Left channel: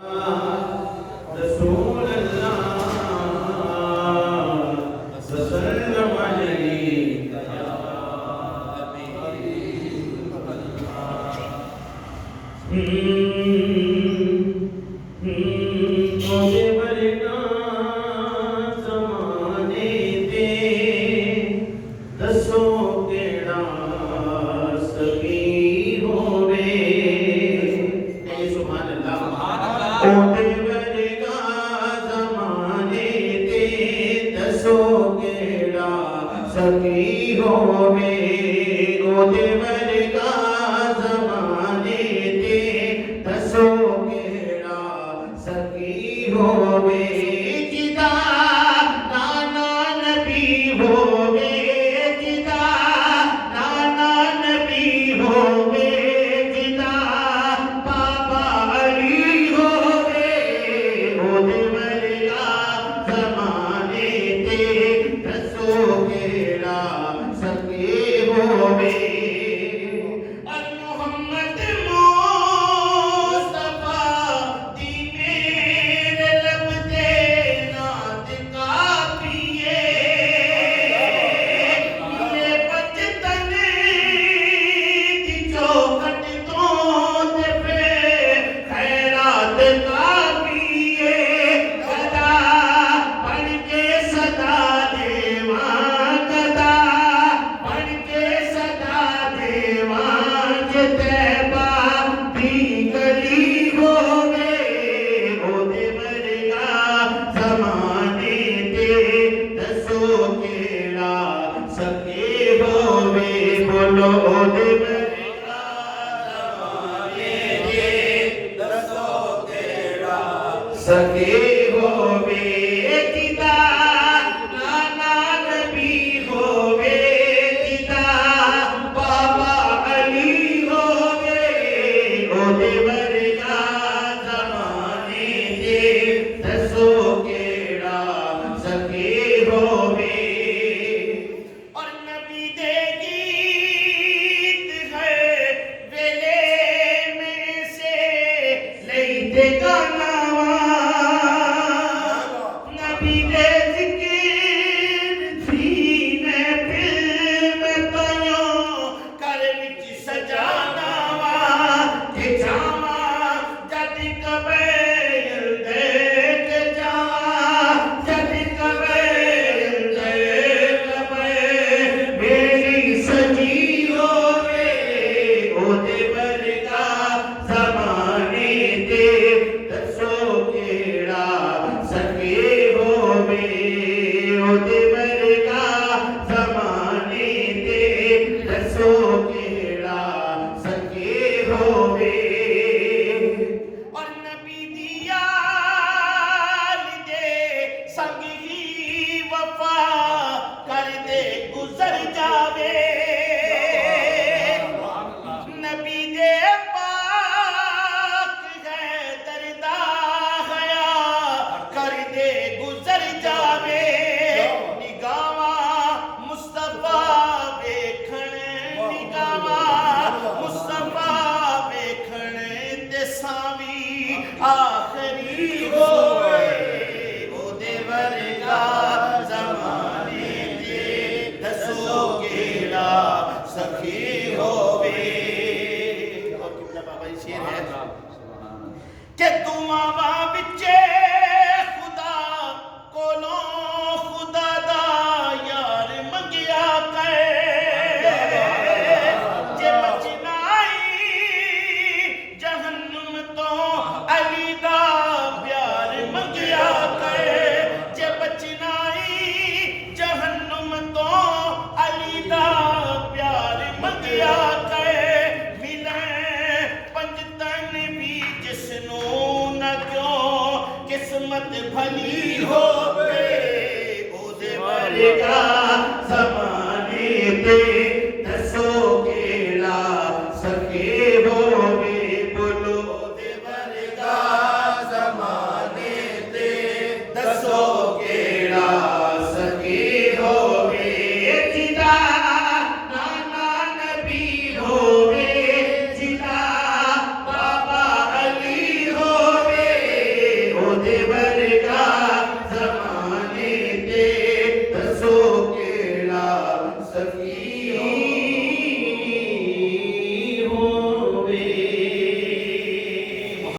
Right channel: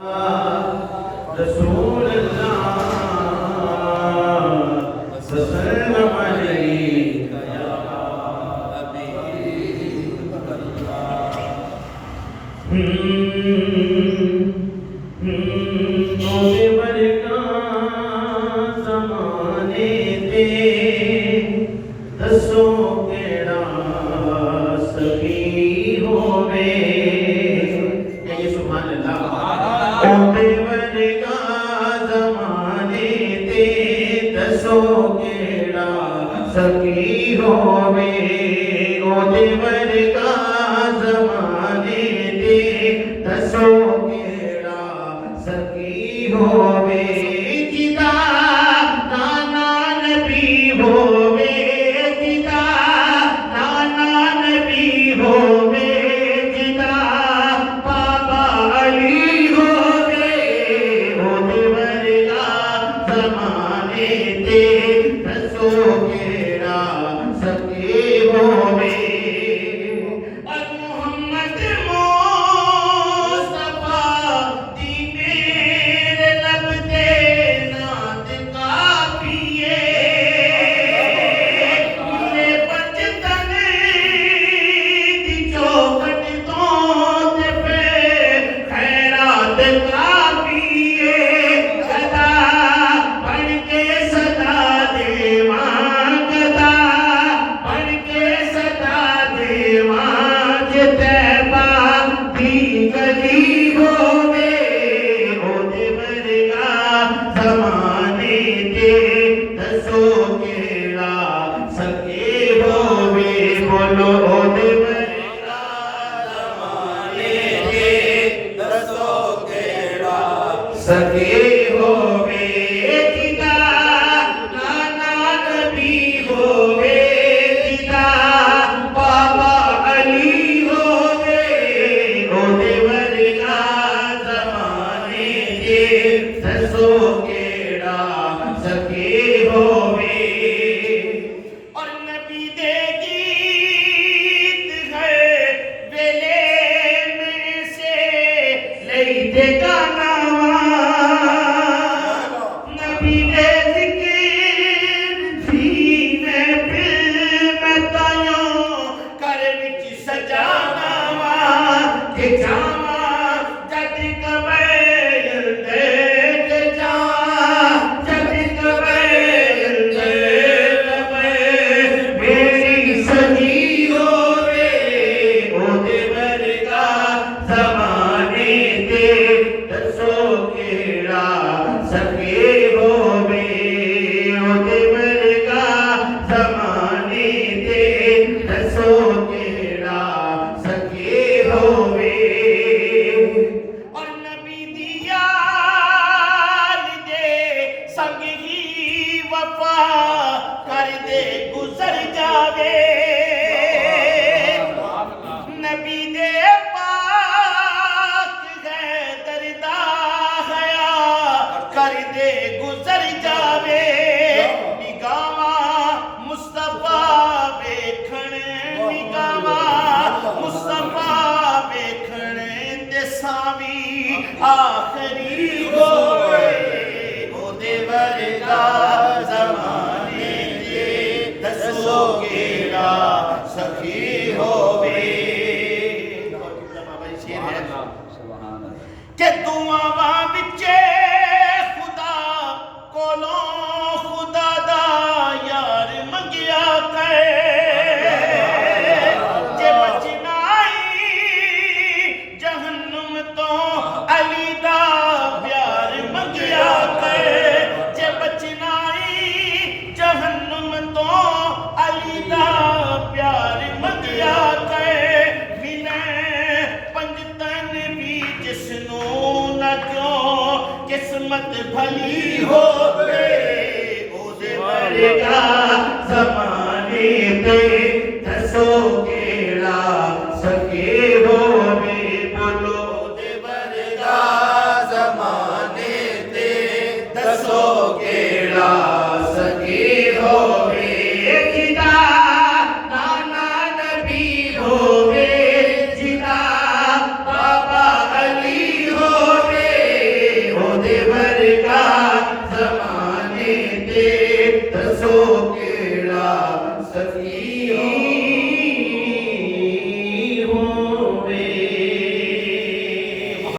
रसूल सल्लल्लाहु अलैहि ज़माने दे दसो केड़ा सखी होवे। कहिए सुभान अल्लाह। ओदे वर्गा ज़माने दे दसो केड़ा सखी होवे। ओदे वर्गा ज़माने दे दसो केड़ा सखी होवे। जिदा नाना नबी होवे, जिदा नाना नबी होवे, जिदा बाबा अली होवे। ओदे वर्गा ज़माने दे दसो केड़ा सखी होवे। और मोहम्मद मुस्तफा दी मेरे लब दे नात काफिए। मुझे बचतन दी चौखट तो ते पे खैरात काफिए। गदा बन के सदा देवा, गदा बन के सदा देवा। तैबा दी गली होवे। ओदे वर्गा ज़माने दे दसो केड़ा सखी होवे। बोलो ओदे वर्गा ज़माने दे दसो केड़ा सखी होवे। जिदा नाना नबी होवे, जिदा बाबा अली होवे। ओदे वर्गा ज़माने दे दसो केड़ा सखी होवे। और नबी दे गीत है वेले में से लईते गानावा। नबी दे ज़िक्र थी महफिल में तायो कर विच सजानावा। ते जावा जद कबैल दे ते जा, जद कबैल दे मेरी सजी होवे। ओदे वर्गा ज़माने दे दसो केड़ा सखी होवे। ओदे वर्गा ज़माने दे दसो केड़ा सखी होवे। और नबी दी यार दे संग ही वफा कर दे गुजर जावे। नबी दे पाक है दरदा हया कर दे गुजर जावे। निगावा मुस्तफा वेखण, निगावा मुस्तफा वेखण ते सावी आखरी होवे। ओदे वर्गा ज़माने दे दसो केड़ा सखी होवे। के दुआवां विचे खुदा कोलों खुदा दा यार मंगिया करे। जे बचनाई जहन्नुम तो अली दा प्यार मंगिया करे। जे बचनाई जहन्नुम तो अली दा प्यार मंगिया करे। मिले पंजतन भी जिसनू न क्यों किस्मत भली होवे। ओदे वर्गा ज़माने दे दसो केड़ा सखी होवे। बोलो ओदे वर्गा ज़माने दे दसो केड़ा सखी होवे। जिदा नाना नबी होवे, जिदा बाबा अली होवे। सखियों